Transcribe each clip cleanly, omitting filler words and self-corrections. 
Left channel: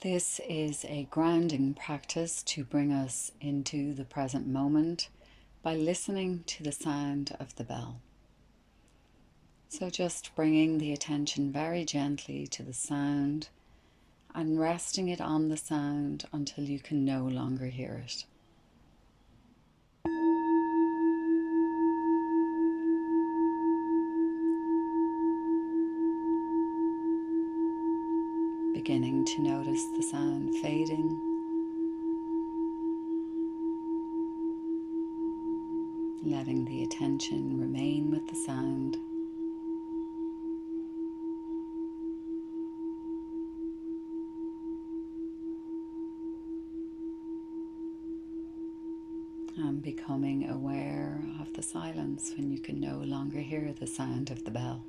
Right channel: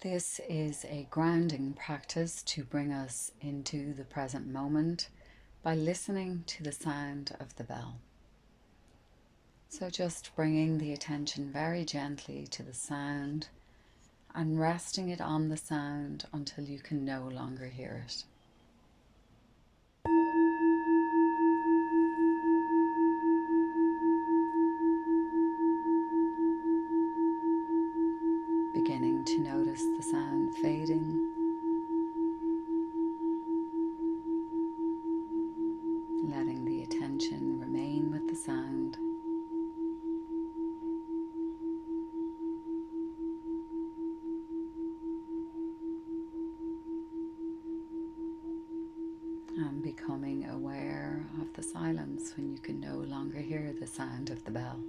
This is a grounding practice to bring us into the present moment by listening to the sound of the bell. So just bringing the attention very gently to the sound and resting it on the sound until you can no longer hear it. Beginning to notice the sound fading, letting the attention remain with the sound. And becoming aware of the silence when you can no longer hear the sound of the bell.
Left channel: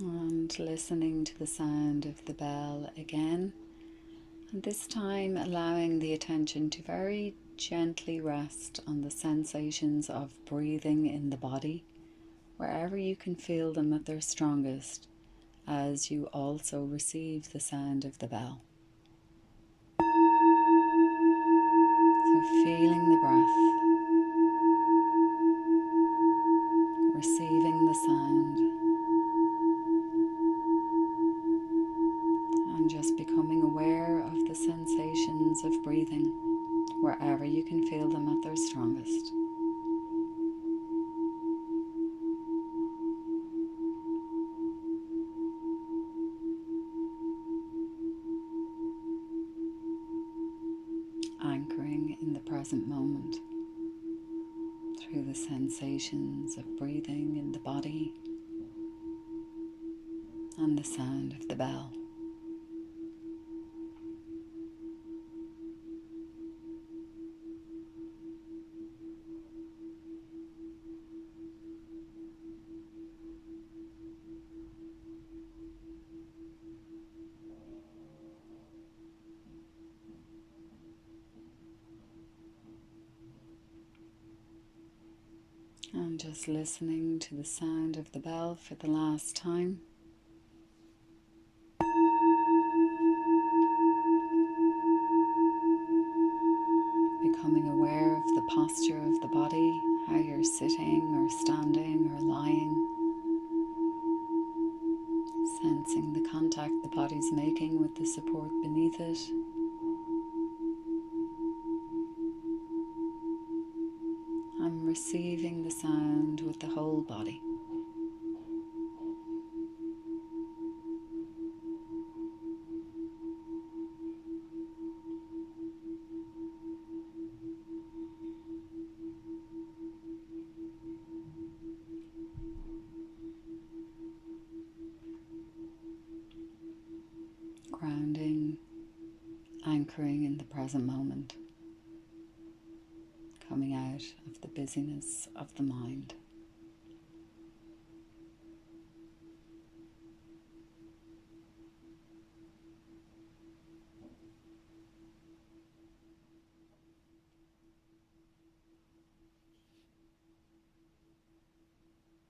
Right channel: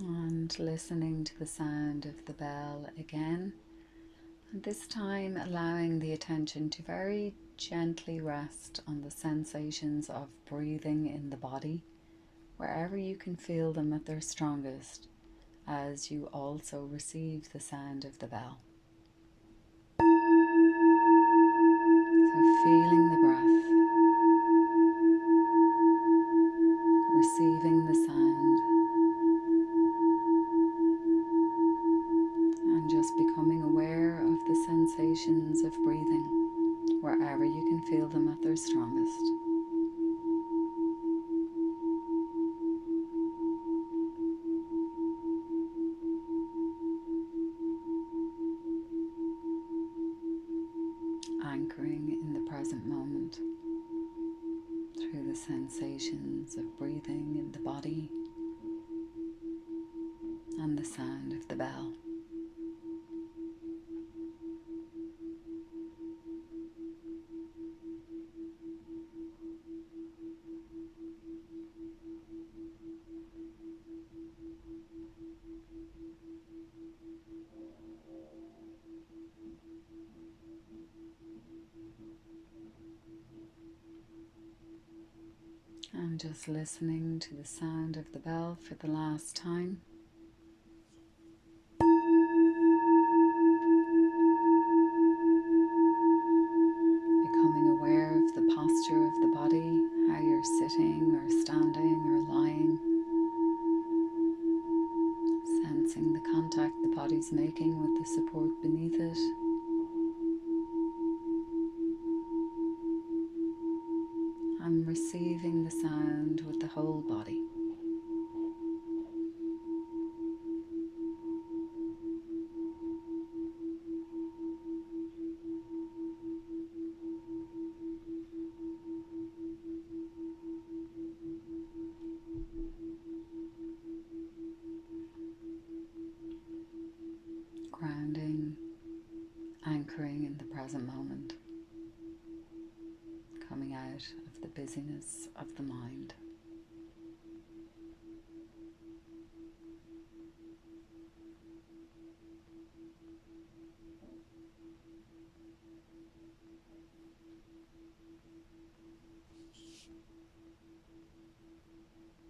And listening to the sound of the bell again, and this time allowing the attention to very gently rest on the sensations of breathing in the body, wherever you can feel them at their strongest, as you also receive the sound of the bell. So feeling the breath, receiving the sound, and just becoming aware of the sensations of breathing wherever you can feel them at their strongest. Anchoring in the present moment through the sensations of breathing in the body and the sound of the bell. And just listening to the sound of the bell for the last time. Becoming aware of the posture of the body, how you're sitting or standing or lying. Sensing the contact the body's making with the support beneath it. I'm receiving the sound with the whole body. Grounding, anchoring in the present moment, coming out of the busyness of the mind.